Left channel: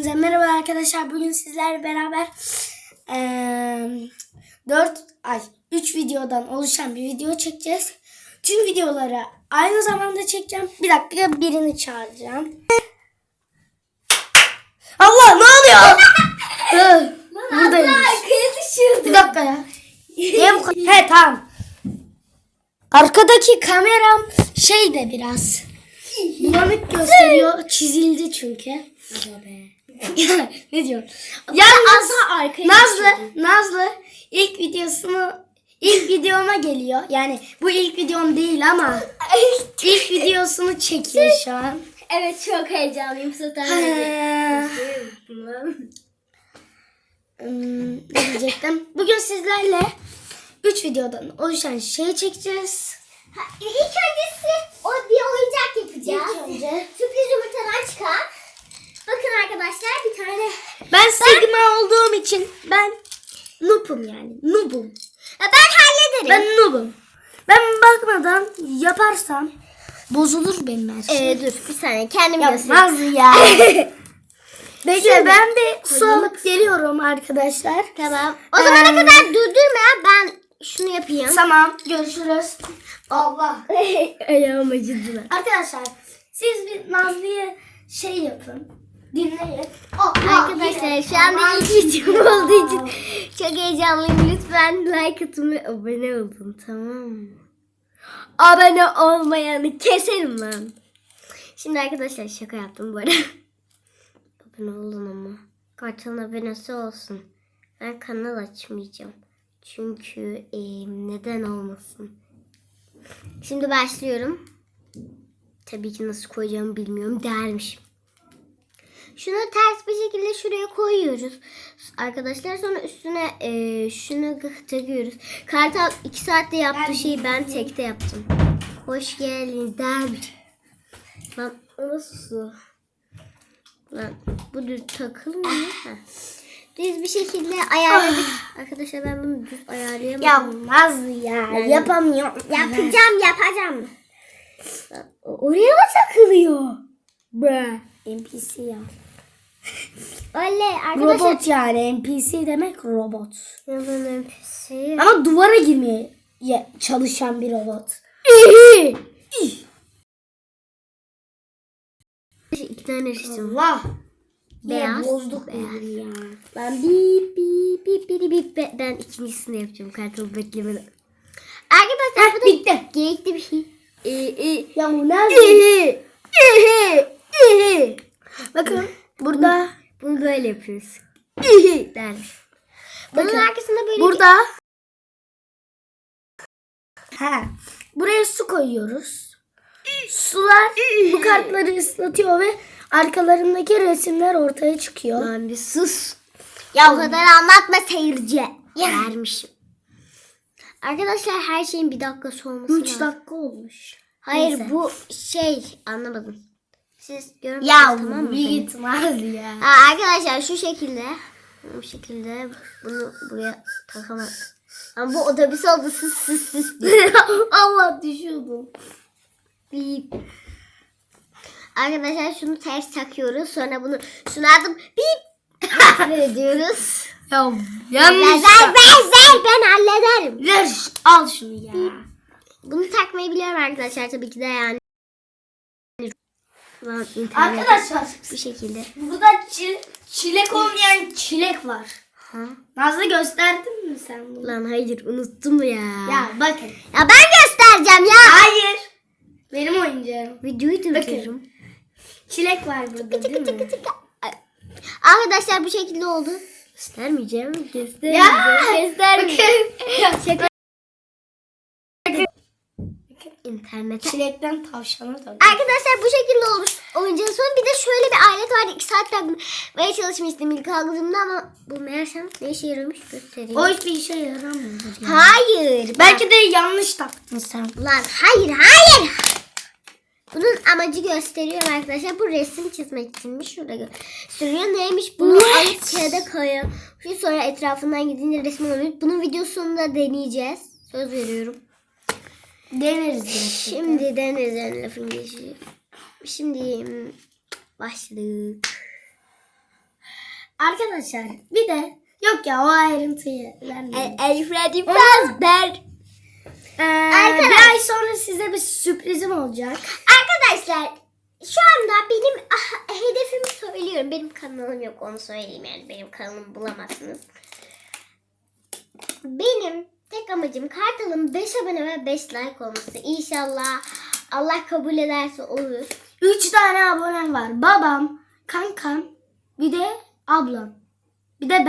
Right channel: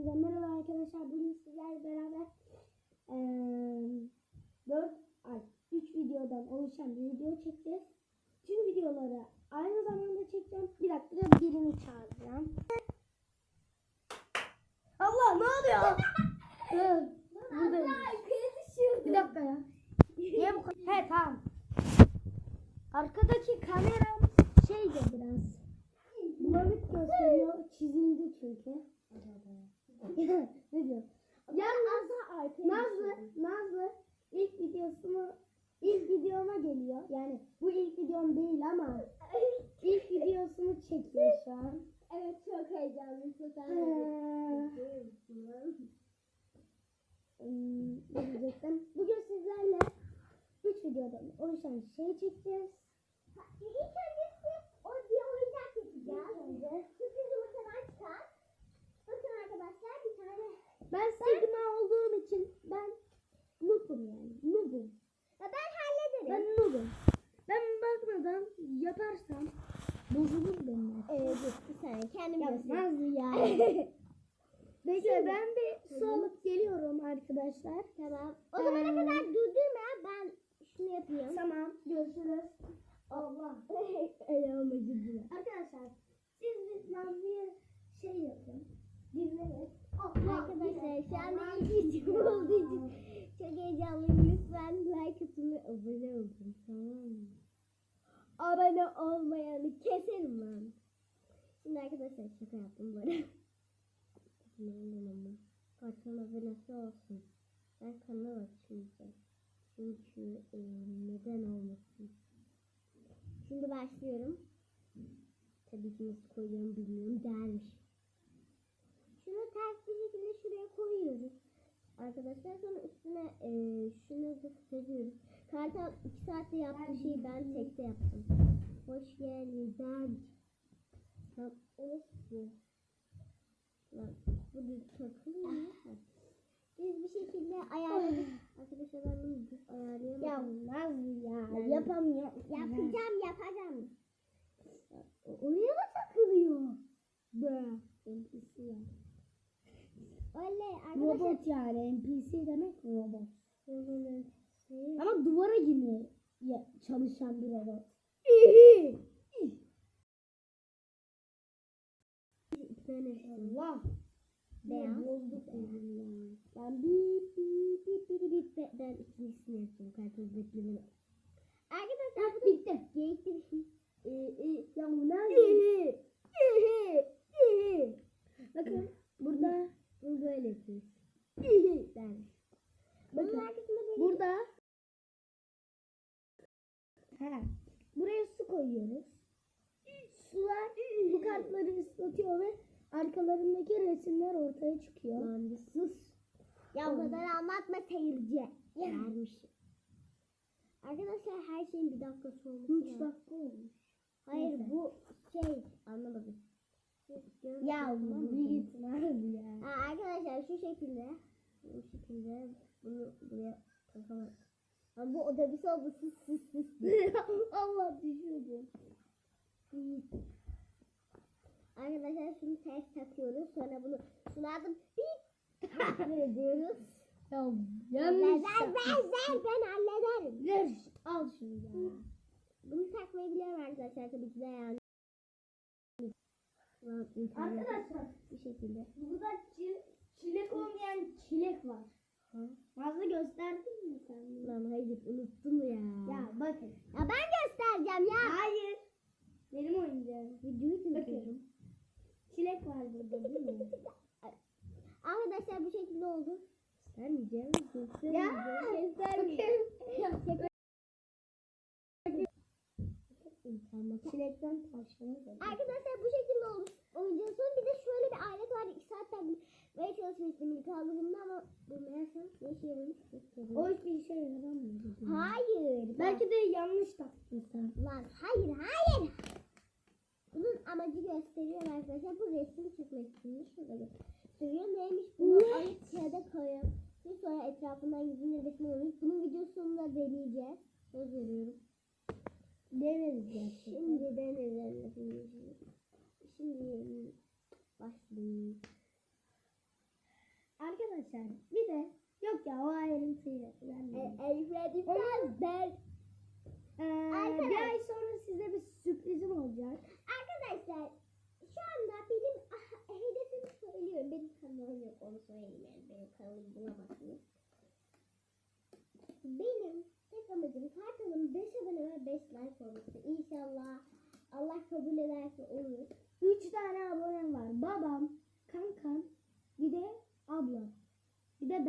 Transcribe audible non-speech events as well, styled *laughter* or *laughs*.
Hepinize merhaba arkadaşlar. Bugün sizlerle beraber eee 4 ay 3 videodan oluşan bir video çekeceğiz. Tüm videoları aynı zamanda çekeceğim. Bir dakika birini çağıracağım. Allah ne oluyor? *laughs* Buradaymış. Bir dakika ya. Niye bu? He tamam. Arkadaki kameram şey de biraz bulanık gösteriyor. Çizildi çünkü. *laughs* ne diyor? Yalnız Nazlı, Nazlı ilk videosunu ilk videoma geliyor. Yani bu ilk videom değil ama *laughs* ilk videosunu çekiyor şu an. Evet çok heyecanlıyım zaten. Hmm, ne diyecektim? Bugün sizlerle 3 videodan oluşan şeyi çekeceğiz. Ha, İlk öncesi o bir oyuncak yapacağız. İlk önce- Sürpriz yumurtadan çıkan. Bakın arkadaşlar bir tane. Ben Sigma olduğum için ben noob'um yani. Noob'um. Ya ben hallederim. Ben noob'um. Ben bakmadan yaparsam bozulur benim her şey. Ee, dur bir saniye kendim Ya göstereyim. Nazlı ya. Bekle ben bir su alıp geliyorum arkadaşlar. Tamam. O zamana Ee, kadar durdurma ben şunu yapayım. Tamam görüşürüz. Allah. *laughs* Ayağım acıdı. Arkadaşlar siz bir Nazlı'ya şey yapın. Dinleyin. Oh, Arkadaşlar şu anda ilk videom olduğu için çok heyecanlıyım. Lütfen like atın ve abone olun tamam mı? Abone olmayanı keserim lan. Şimdi arkadaşlar şaka yaptım bu arada. *laughs* abone olun ama. Kartalın abonesi olsun. Ben kanal açmayacağım. Çünkü e, neden olmasın. Şimdi başlıyorum. Tabii ki nasıl koyacağımı bilmiyorum dermişim. Şunu ters bir şekilde şuraya koyuyoruz. Arkadaşlar sonra üstüne e, şunu takıyoruz. Kartal 2 saatte yaptığı şeyi ben tekte yaptım. Hoş geldin der. Lan o nasıl su? Lan bu düz takılmıyor. Ha. Düz bir şekilde ayarladık. Arkadaşlar ben bunu düz ayarlayamadım. Ya Nazlı ya yapamıyorum. Yapacağım yapacağım. Lan, Oraya mı takılıyor? Bre. NPC ya. Oley arkadaşlar. Robot yani NPC demek robot. Yalan NPC. Ama duvara girmeye ye- çalışan bir robot. İki tane resim. Allah. Beyaz, Beyaz. Bozduk beyaz. ya. Ben bip bip bip bip bip be- ben ikincisini yapacağım kartalı beklemeden. Arkadaşlar bu da Bitti. gerekli bir şey. Ee, e, Ya bu. Bakın burada bunu böyle yapıyoruz. *laughs* Der. Bunun Bakın, arkasında böyle burada ha buraya su koyuyoruz. Sular bu kartları ıslatıyor ve arkalarındaki resimler ortaya çıkyor. Lan bir sus. Ya o kadar anlatma seyirci. Vermişim. Arkadaşlar her şeyin bir dakikası olması 3 lazım. dakika olmuş. Hayır Neyse. bu şey anlamadım. Siz görmediniz Ya tamam mı? beni? gitmez ya. Ha, arkadaşlar şu şekilde bu şekilde bunu buraya takamam. Ama bu otobüs oldu sus sus diye. *laughs* Allah düşüyordum. Bip. Arkadaşlar şunu ters takıyoruz. Sonra bunu şunu atıp bip *laughs* ediyoruz. Ya yanlış. ver ver ver ben hallederim. Ver al şunu ya. Bunu takmayı biliyorum arkadaşlar tabii ki de yani. Arkadaşlar bu şekilde. burada çi- çilek olmayan çilek var. Ha? Nazlı gösterdin mi sen bunu? Lan hayır unuttum ya. Ya bakın. Ya ben göstereceğim ya. Hayır. Benim oyuncağım. Videoyu durdururum. Çilek var burada değil mi? Ay. Arkadaşlar bu şekilde oldu. Göstermeyeceğim. Göstermeyeceğim. Ya. Göstermeyeceğim. Bakın. Şaka. İnternete. Çilekten tavşana döndü. Arkadaşlar bu şekilde olmuş oyuncağın sonu. Bir de şöyle bir alet vardı. 2 saat takmaya çalışmıştım ilk aldığımda ama bu meğersem ne işe yaramış göstereyim. O hiçbir işe yaramıyor. ya. Hayır. Belki de yanlış taktın sen. Lan hayır hayır. Bunun amacı gösteriyorum arkadaşlar. Bu resim çizmek içinmiş. Şurada gösteriyor. Neymiş? Bunu alıp kağıda koyuyor. Sonra etrafından gidince resmi oluyor. Bunun videosunu da deneyeceğiz. Söz veriyorum. Gerçekten. Şimdi deneyeceğim lafın geçiyor. Şimdi başladık. Arkadaşlar bir de yok ya o ayrıntıyı vermeyin. El Freddy Fazbear. Ee, Arkadaş- bir ay sonra size bir sürprizim olacak. Arkadaşlar şu anda benim ah, hedefimi söylüyorum. Benim kanalım yok onu söyleyeyim yani. Benim kanalımı bulamazsınız. Benim tek amacım Kartal'ın 5 abone ve 5 like olması. İnşallah Allah kabul ederse olur. Üç tane abonem var. Babam, kankam, bir de ablam. Bir de ben.